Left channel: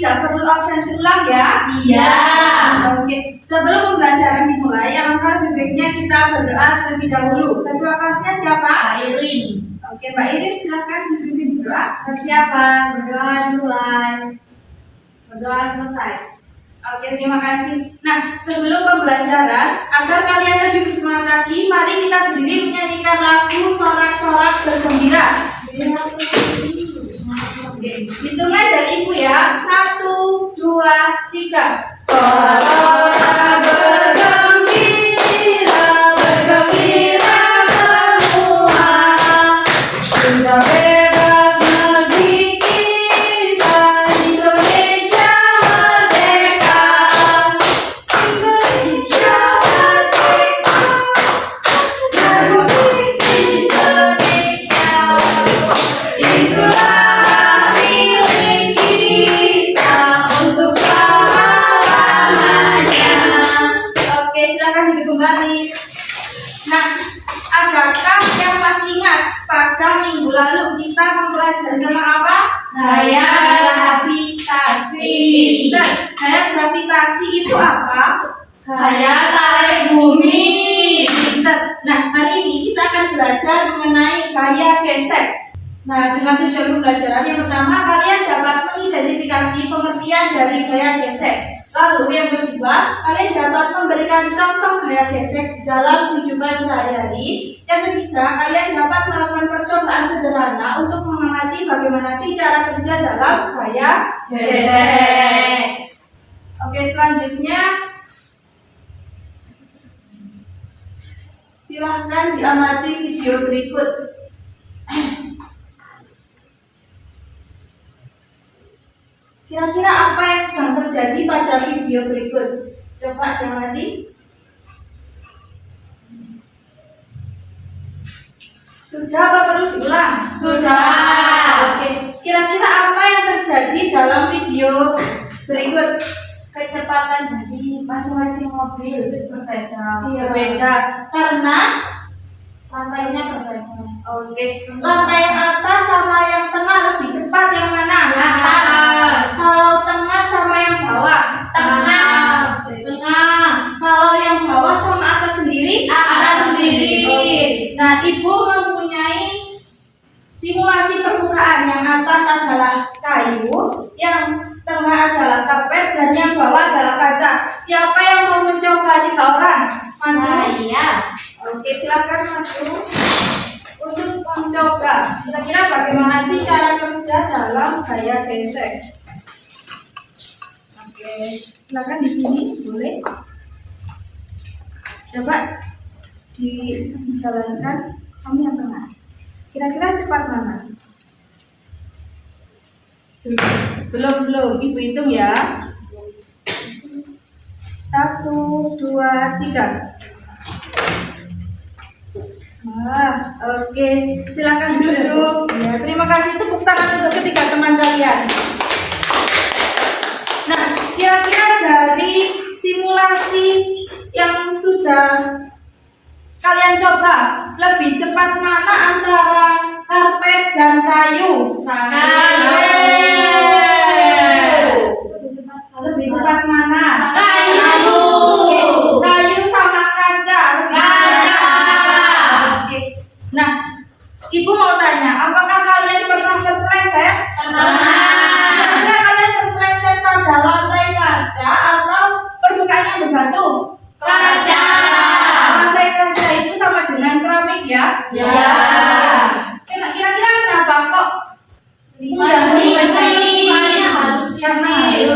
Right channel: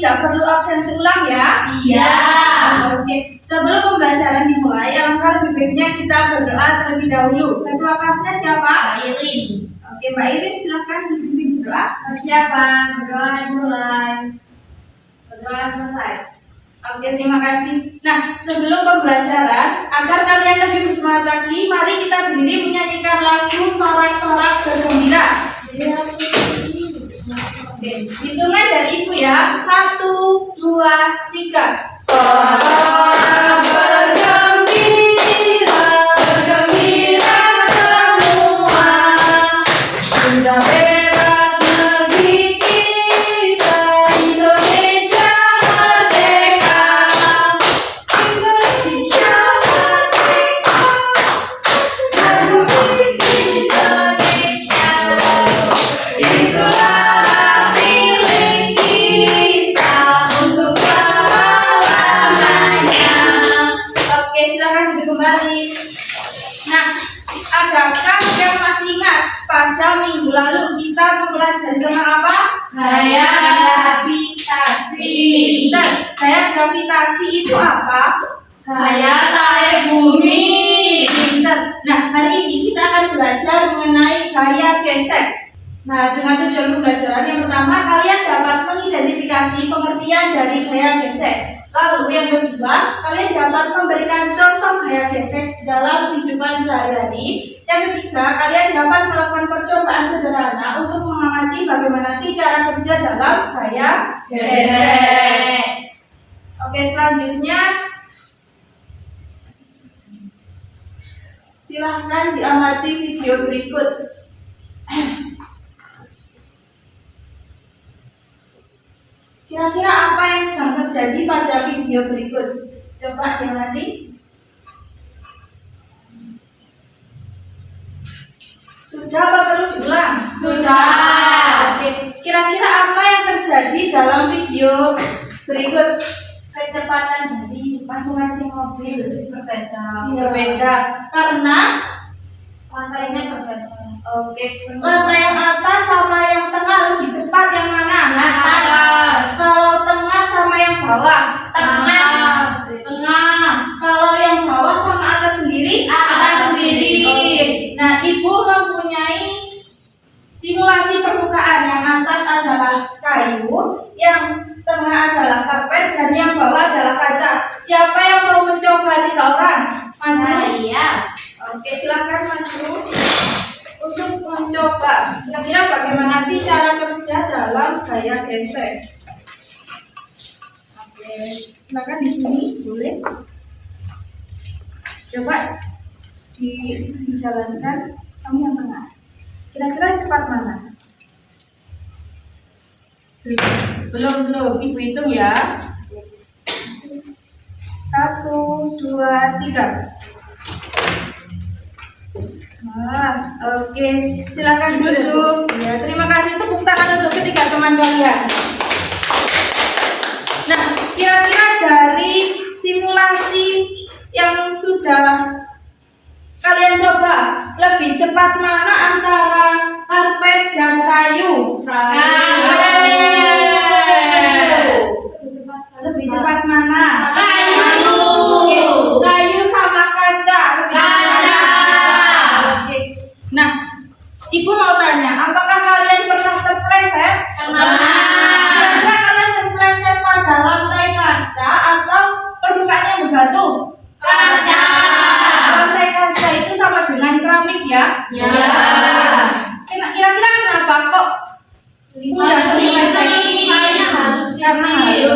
tidak perlu absensi ulang ya? Iya. Oke, sebelum pembelajaran dimulai, alangkah lebih baiknya kita berdoa terlebih dahulu. Ketua kelasnya siapa? Mbak Irin. Oke, Mbak Irin silahkan dipimpin berdoa. Persiapan, berdoa mulai. Berdoa selesai. Oke, terima kasih. Nah, sebelum pembelajaran, agar kalian lebih bersemangat lagi, mari kita berdiri menyanyikan lagu Sorak-Sorak Bergembira. Oke, hitungan dari Ibu ya. 1, 2, 3. Sorak-sorak bergembira, bergembira semua. Sudah bebas negeri kita, Indonesia merdeka. Indonesia merdeka. Republik Indonesia. Itulah milik kita untuk selama-lamanya. Oke, silakan duduk kembali. Nah, adakah yang masih ingat pada minggu lalu kita mempelajari tentang apa? Gaya gravitasi. Pinter. Gaya gravitasi itu apa? Gaya tarik bumi. Pinter. Nah, hari ini kita akan belajar mengenai gaya gesek. Nah, dengan tujuan pembelajaran yang pertama, kalian dapat mengidentifikasi pengertian dari gaya gesek. Lalu yang kedua, kalian dapat memberikan contoh gaya gesek dalam kehidupan sehari-hari. Yang ketiga, kalian dapat melakukan percobaan sederhana untuk mengamati bagaimana sih cara kerja dalam gaya gesek. Oke, selanjutnya silahkan diamati video berikut. Kira-kira apa yang sedang terjadi pada video berikut? Coba diamati. Sudah apa perlu diulang? Sudah. Oke. Kira-kira apa yang terjadi dalam video berikut? Kecepatan dari masing-masing mobil berbeda. Berbeda. Karena Lantainya berbeda. oke, lantai yang atas sama yang tengah lebih cepat yang mana? Atas. Kalau tengah sama yang bawah? Tengah. Tengah. Kalau yang bawah sama atas sendiri? Atas sendiri. Oke. Nah, Ibu mempunyai simulasi permukaan. Yang atas adalah kayu, yang tengah adalah karpet, dan yang bawah adalah kaca. Siapa yang mau mencoba? 3 orang. Maju. Saya. Oke, silakan maju untuk mencoba. Kira-kira bagaimana sih cara kerja dalam gaya gesek? Oke, silakan di sini, boleh. Coba dijalankan. Kamu yang tengah. Kira-kira cepat mana? Belum. Ibu hitung ya. 1, 2, 3. Oke, silakan duduk. Ya, terima kasih, tepuk tangan untuk ketiga teman kalian. Nah, kira-kira dari simulasi yang sudah kalian coba, lebih cepat mana antara karpet dan kayu? Lebih cepat mana? Kayu. Oke, kayu sama kaca. Oke. Nah, Ibu mau tanya, apakah kalian pernah terpleset? Kira-kira kalian terpleset pada lantai kaca atau permukaannya berbatu? Kaca. Lantai kaca itu sama dengan keramik ya? Ya. Kira-kira kenapa kok mudah Licin.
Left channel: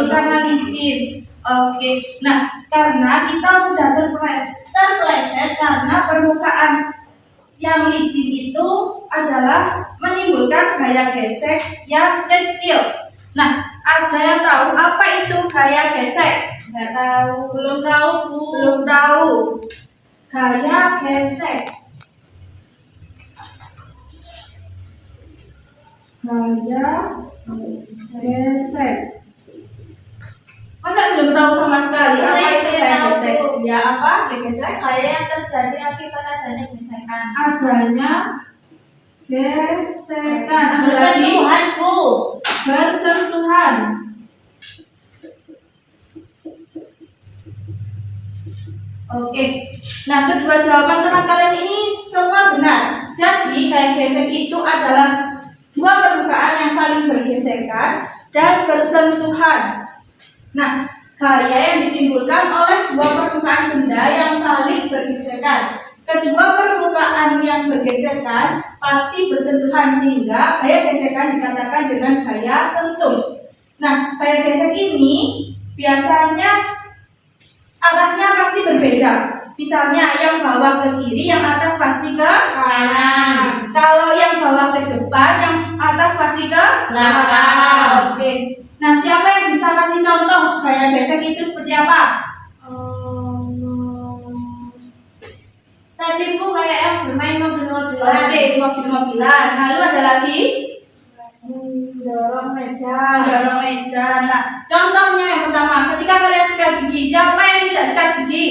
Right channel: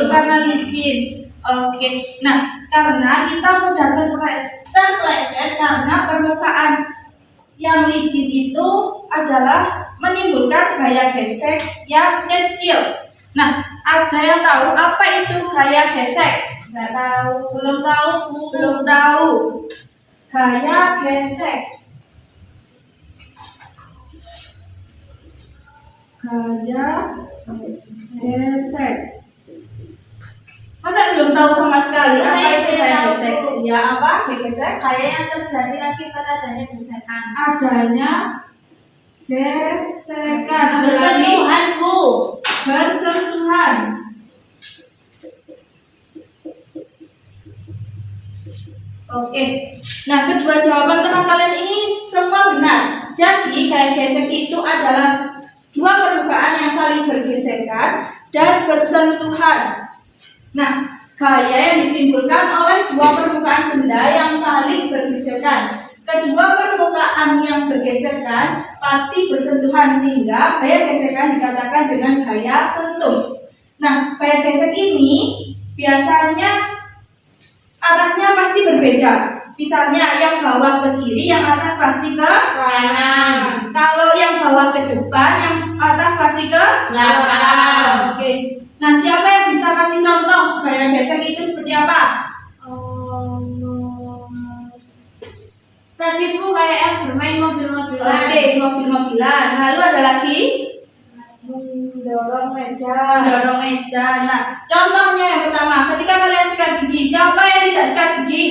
karena licin. Oke. Nah, karena kita mudah terpleset karena permukaan yang licin itu adalah menimbulkan gaya gesek yang kecil. Nah, ada yang tahu apa itu gaya gesek? Nggak tahu. Belum tahu, Bu. Belum tahu. Gaya gesek. Gaya gesek. Masa belum tahu sama sekali apa Saya itu tidak gaya tahu. gesek? Ya, apa gaya gesek? Gaya yang terjadi akibat adanya gesekan. Adanya gesekan. Ada lagi Bersentuhan, Bu. bersentuhan. Oke. Nah, kedua jawaban teman kalian ini semua benar. Jadi, gaya gesek itu adalah dua permukaan yang saling bergesekan dan bersentuhan. Nah, gaya yang ditimbulkan oleh dua permukaan benda yang saling bergesekan. Kedua permukaan yang bergesekan pasti bersentuhan sehingga gaya gesekan dikatakan dengan gaya sentuh. Nah, gaya gesek ini biasanya arahnya pasti berbeda. Misalnya yang bawah ke kiri, yang atas pasti ke Kanan. kalau yang bawah ke depan, yang atas pasti ke Belakang. Oke. Nah, siapa yang bisa kasih contoh gaya gesek itu seperti apa? Tadi Bu kayak yang bermain mobil-mobilan. Oke, mobil-mobilan. Lalu ada lagi Mendorong meja. mendorong meja. Nah, contohnya yang pertama, ketika kalian sikat gigi, siapa yang tidak sikat gigi?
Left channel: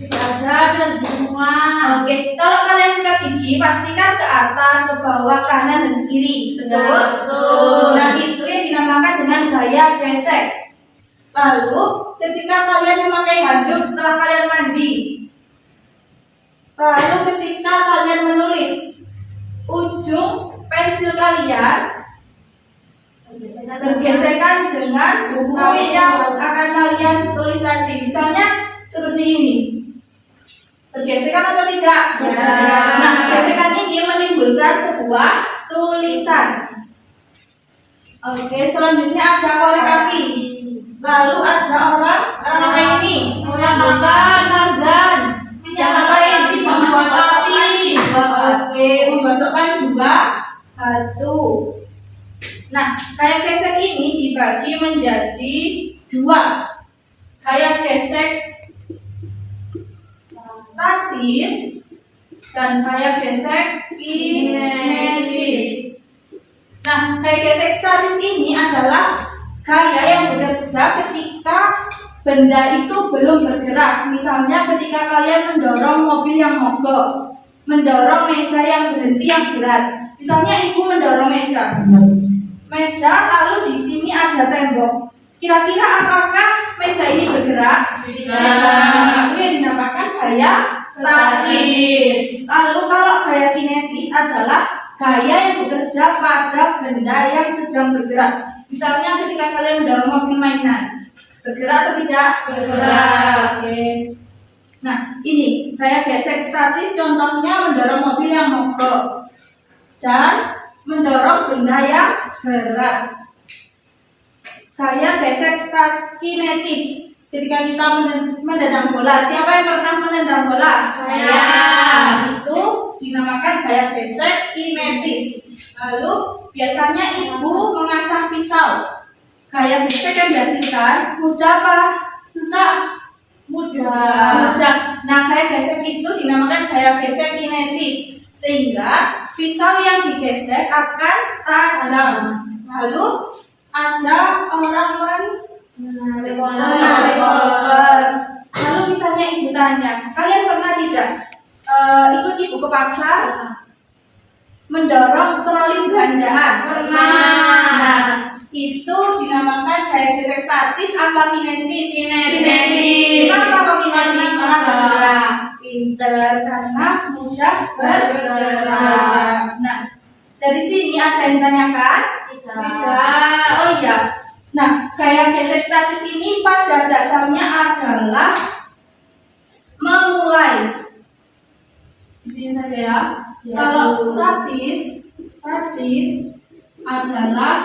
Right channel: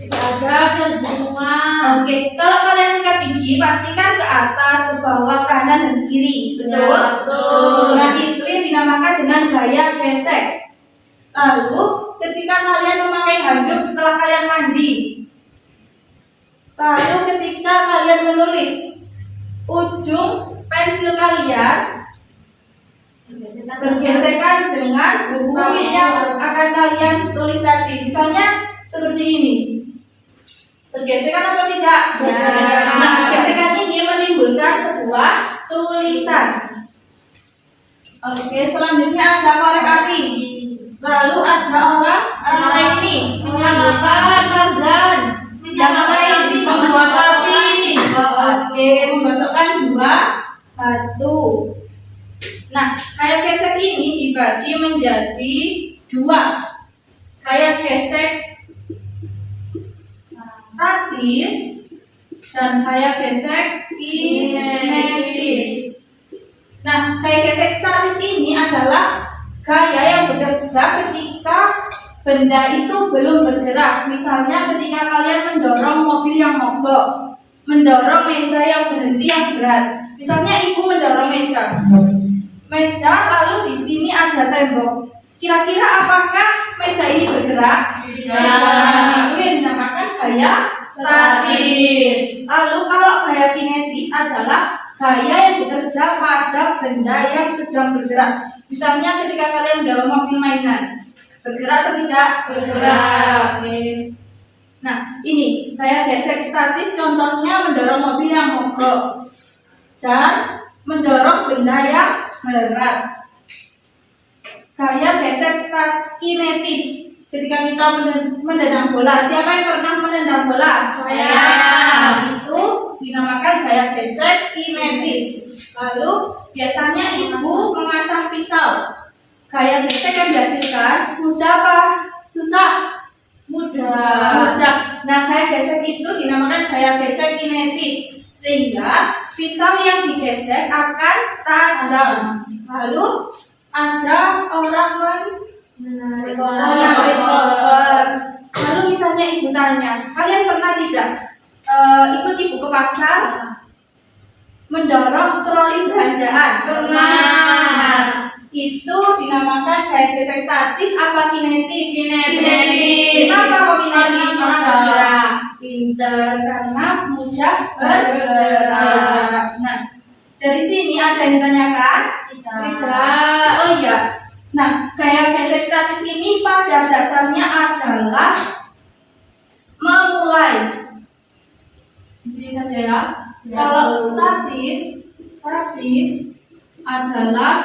Tidak ada semua. Oke, kalau kalian sikat gigi pastikan ke atas, ke bawah, kanan dan kiri. Betul? Ya, betul. Nah, itu yang dinamakan dengan gaya gesek. Lalu, ketika kalian memakai handuk setelah kalian mandi, lalu ketika kalian menulis, ujung pensil kalian bergesekan dengan buku yang akan kalian tulis tadi. Misalnya seperti ini. Bergesekan atau tidak? Ya. Nah, gesekan ini menimbulkan sebuah tulisan. Oke, selanjutnya ada korek api. Lalu ada orang ini. Menyalakan Tarzan. Menyalakan Membuat api. Oke, memasukkan dua batu. Nah, gaya gesek ini dibagi menjadi dua. Gaya gesek statis dan gaya gesek kinetis. Nah, gaya gesek statis ini adalah gaya yang bekerja ketika benda itu belum bergerak. Misalnya ketika kalian mendorong mobil yang mogok, mendorong meja yang berhenti yang berat. Misalnya ibu mendorong meja, lalu di sini ada tembok. Kira-kira apakah meja ini bergerak? Nah, itu yang dinamakan gaya statis. Lalu kalau gaya kinetis adalah gaya yang bekerja pada benda yang sedang bergerak. Misalnya ketika kalian mendorong mobil mainan, bergerak atau tidak? Bergerak. Oke. Nah, ini gaya gesek statis contohnya mendorong mobil yang mogok dan mendorong benda yang berat. Gaya gesek kinetis ketika kita menendang bola. Siapa yang pernah menendang bola? Saya. Nah, itu dinamakan gaya gesek kinetis. Lalu biasanya ibu mengasah pisau. Gaya gesek yang dihasilkan mudah apa? Susah? Mudah. Nah, gaya gesek itu dinamakan gaya gesek kinetis sehingga pisau yang digesek akan tajam. Lalu ada orang Menarik menarik koper. Lalu misalnya ibu tanya, kalian pernah tidak ikut ibu ke pasar mendorong troli belanjaan? Pernah. Nah, itu dinamakan gaya gesek statis apa kinetis? Kinetis. Kenapa kok kinetis? Karena bergerak. Pinter, karena mudah Bergerak. Nah, dari sini ada yang ditanyakan? Tidak. Oh iya. Nah, gaya gesek statis ini pada dasarnya adalah memulai. Di sini saja ya. Ya, Kalau Bu. statis adalah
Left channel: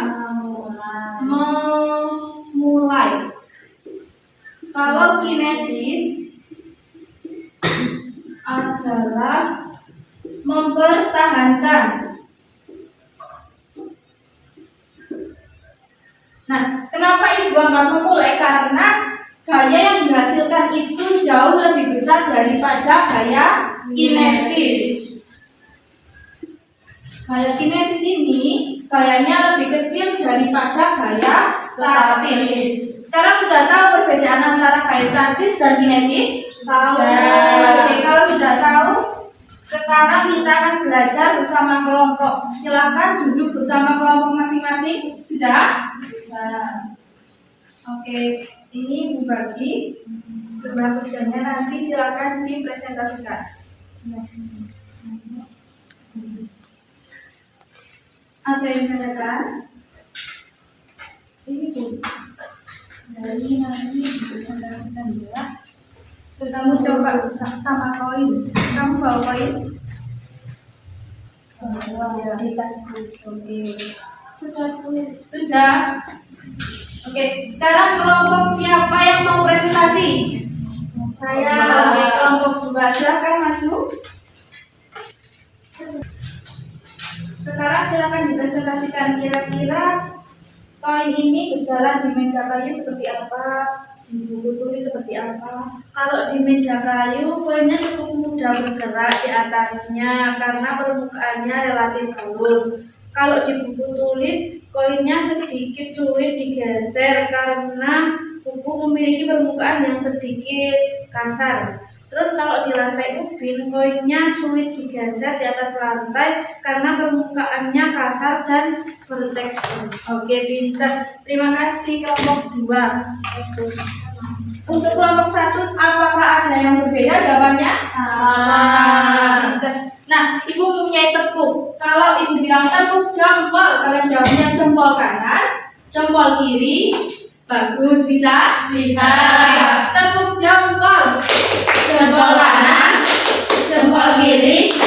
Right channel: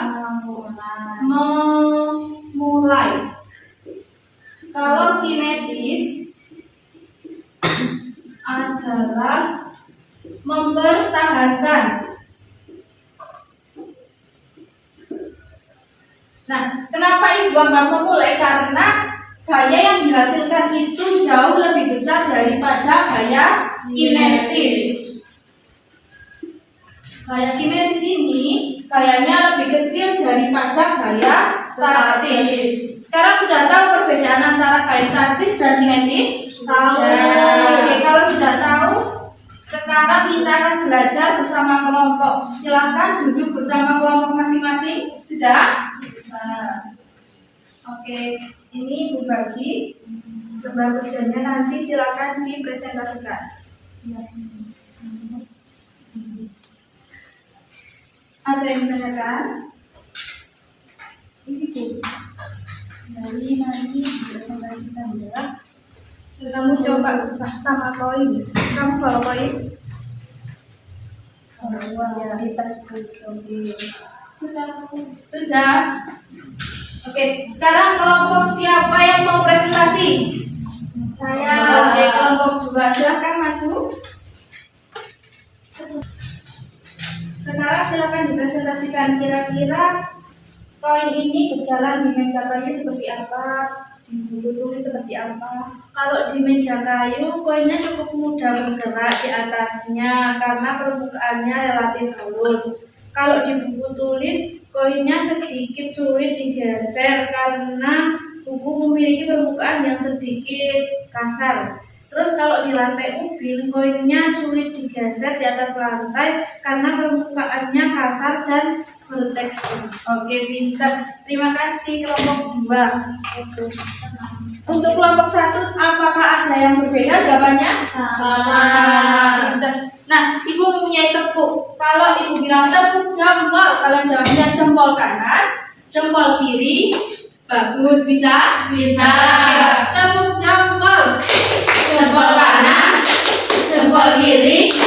memulai. Kalau kinetis adalah mempertahankan. Nah, kenapa ibu anggap memulai? Karena gaya yang dihasilkan itu jauh lebih besar daripada gaya kinetis. Gaya kinetis ini gayanya lebih kecil daripada gaya statis. Sekarang sudah tahu perbedaan antara gaya statis dan kinetis? Tahu. Oke, kalau sudah tahu, sekarang kita akan belajar bersama kelompok. Silakan duduk bersama kelompok masing-masing. Sudah? Oke, ini ibu bagi. Jumlah kerjanya nanti silakan dipresentasikan. Ada yang ditanyakan? Ini Bu. Dari nanti dipresentasikan ya. Kamu coba sama koin. Kamu bawa koin? Bawa ya di tasku. Oke. Sudah. Oke, sekarang kelompok siapa yang mau presentasi? Saya. Oke, kelompok 2 silakan maju. Sekarang silakan dipresentasikan kira-kira koin ini berjalan di meja kayu seperti apa, di buku tulis seperti apa. Kalau di meja kayu, koinnya cukup mudah bergerak di atasnya karena permukaannya relatif halus. Kalau di buku tulis, koinnya sedikit sulit digeser karena buku memiliki permukaan yang sedikit kasar. Terus kalau di lantai ubin, koinnya sulit digeser di atas lantai karena permukaannya kasar dan bertekstur. Oke, pintar. Terima kasih kelompok 2. Untuk kelompok 1, apakah ada yang berbeda jawabannya? Pintar. Nah, Ibu mempunyai tepuk. Kalau Ibu bilang tepuk jempol, kalian jawabnya jempol kanan, jempol kiri. Bagus, bisa? Bisa. Tepuk jempol. Jempol kanan, jempol kiri,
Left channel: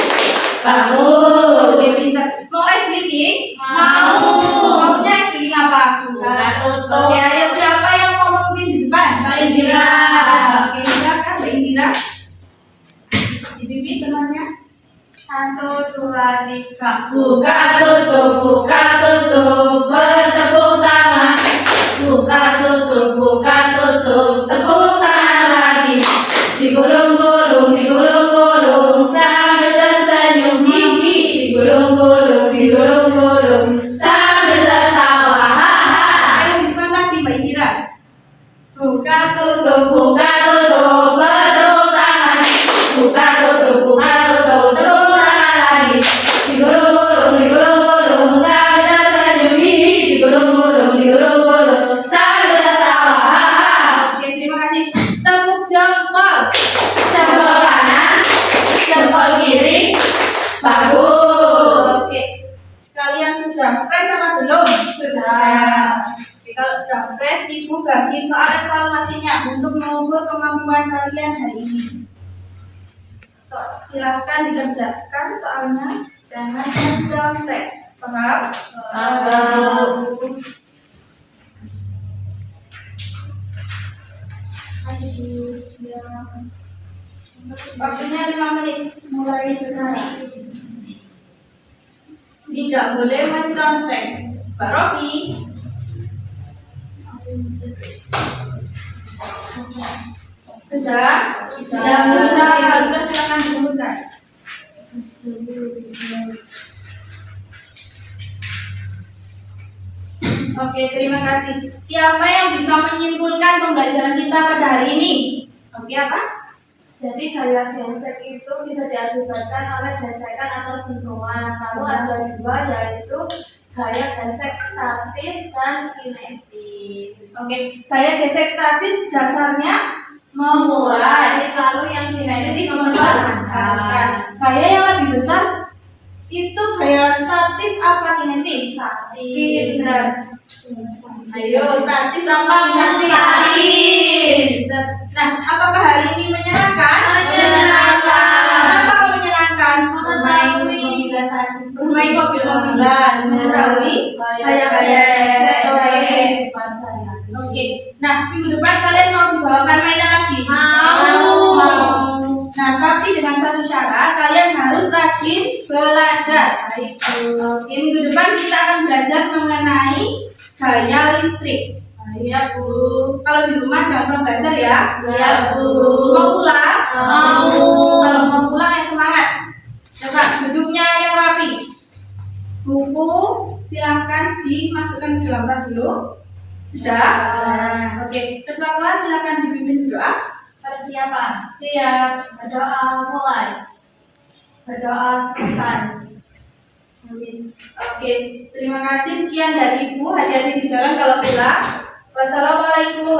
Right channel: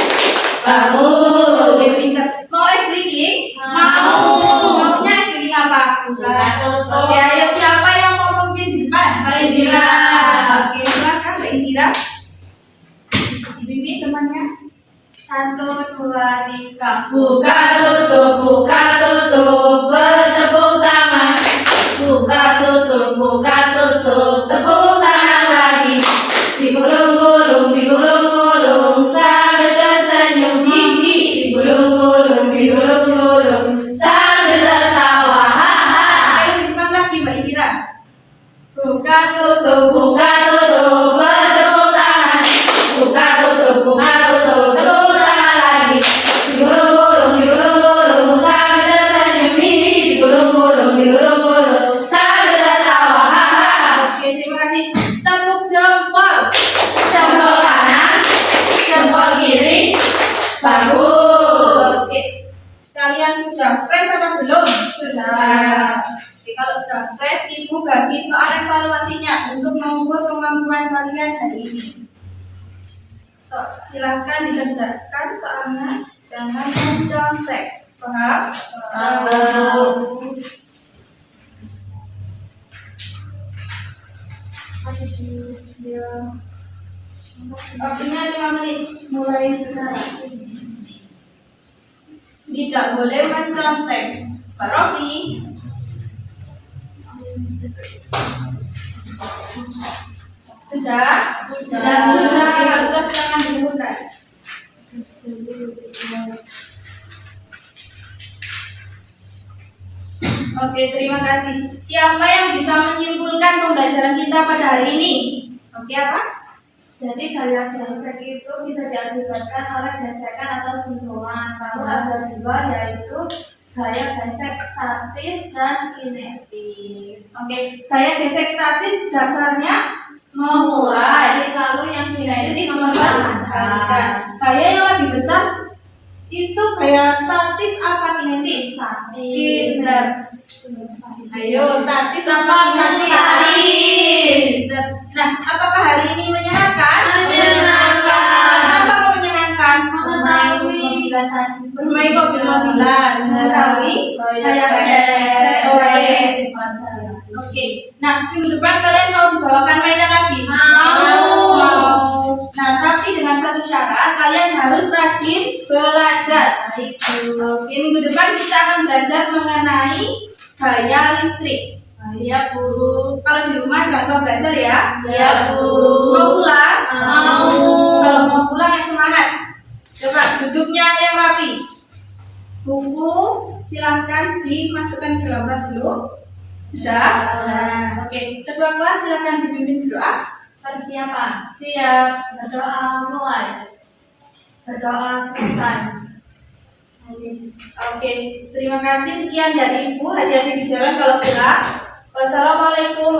bagus. Oke, pintar. Mau ice breaking? Mau. Maunya ice breaking apa? Buka tutup. Oke, ayo siapa yang mau memimpin di depan? Mbak Indira. Oke, silakan Mbak Indira. Dibimbing temannya. 1, 2, 3. Buka tutup, bertepuk tangan. Buka tutup, tepuk tangan lagi. Digulung-gulung, sambil tersenyum. Digulung-gulung, sambil tertawa. Haha. Ayo di depan lagi Mbak Indira. Buka tutup, bertepuk tangan. Buka tutup, tepuk tangan lagi. Digulung-gulung, sambil tersenyum. Digulung-gulung, sambil tertawa. Haha. Oke, terima kasih. Tepuk jempol. Jempol kanan, jempol kiri, bagus. Oke. Kalian sudah fresh apa belum? Sudah. Oke, kalau sudah fresh, Ibu bagi soal evaluasinya untuk mengukur kemampuan kalian hari ini. Silahkan dikerjakan soalnya, jangan mencontek. Paham? Ya. Waktunya 5 menit, mulai selesai. Tidak boleh mencontek. Pak Rofi. Sudah? Sudah. Kalau sudah silakan disebutkan. Oke, terima kasih. Siapa yang bisa menyimpulkan pembelajaran kita pada hari ini? Oke, apa? Jadi gaya gesek itu bisa diakibatkan oleh gesekan atau sentuhan. Lalu ada 2, yaitu gaya gesek statis dan kinetis. Oke, gaya gesek statis dasarnya Memulai, lalu yang kinetis mempertahankan. Gaya yang lebih besar itu gaya statis apa kinetis? Statis. Benar. Ayo, statis apa kinetis? Statis. Nah, apakah hari ini menyenangkan? Menyenangkan. Kenapa kok menyenangkan? Bermain mobil-mobilan, mengetahui Gaya gesek. Oke. Nah, minggu depan kalian mau dibawakan mainan lagi? Mau. Nah, tapi dengan satu syarat, kalian harus rajin belajar. Oke, minggu depan kita akan belajar mengenai gaya listrik. Iya, Bu. Kalau di rumah jangan lupa belajar ya. Iya, Bu. Mau pulang? Mau. Kalau mau pulang yang semangat. Coba duduknya yang rapi. Buku silahkan dimasukkan ke dalam tas dulu. Sudah? Oke, ketua kelas silahkan dipimpin berdoa. Persiapan. Siap. Berdoa mulai. Berdoa selesai. Amin. Oke, terima kasih. Sekian dari Ibu. Hati-hati di jalan kalau pulang. Wassalamualaikum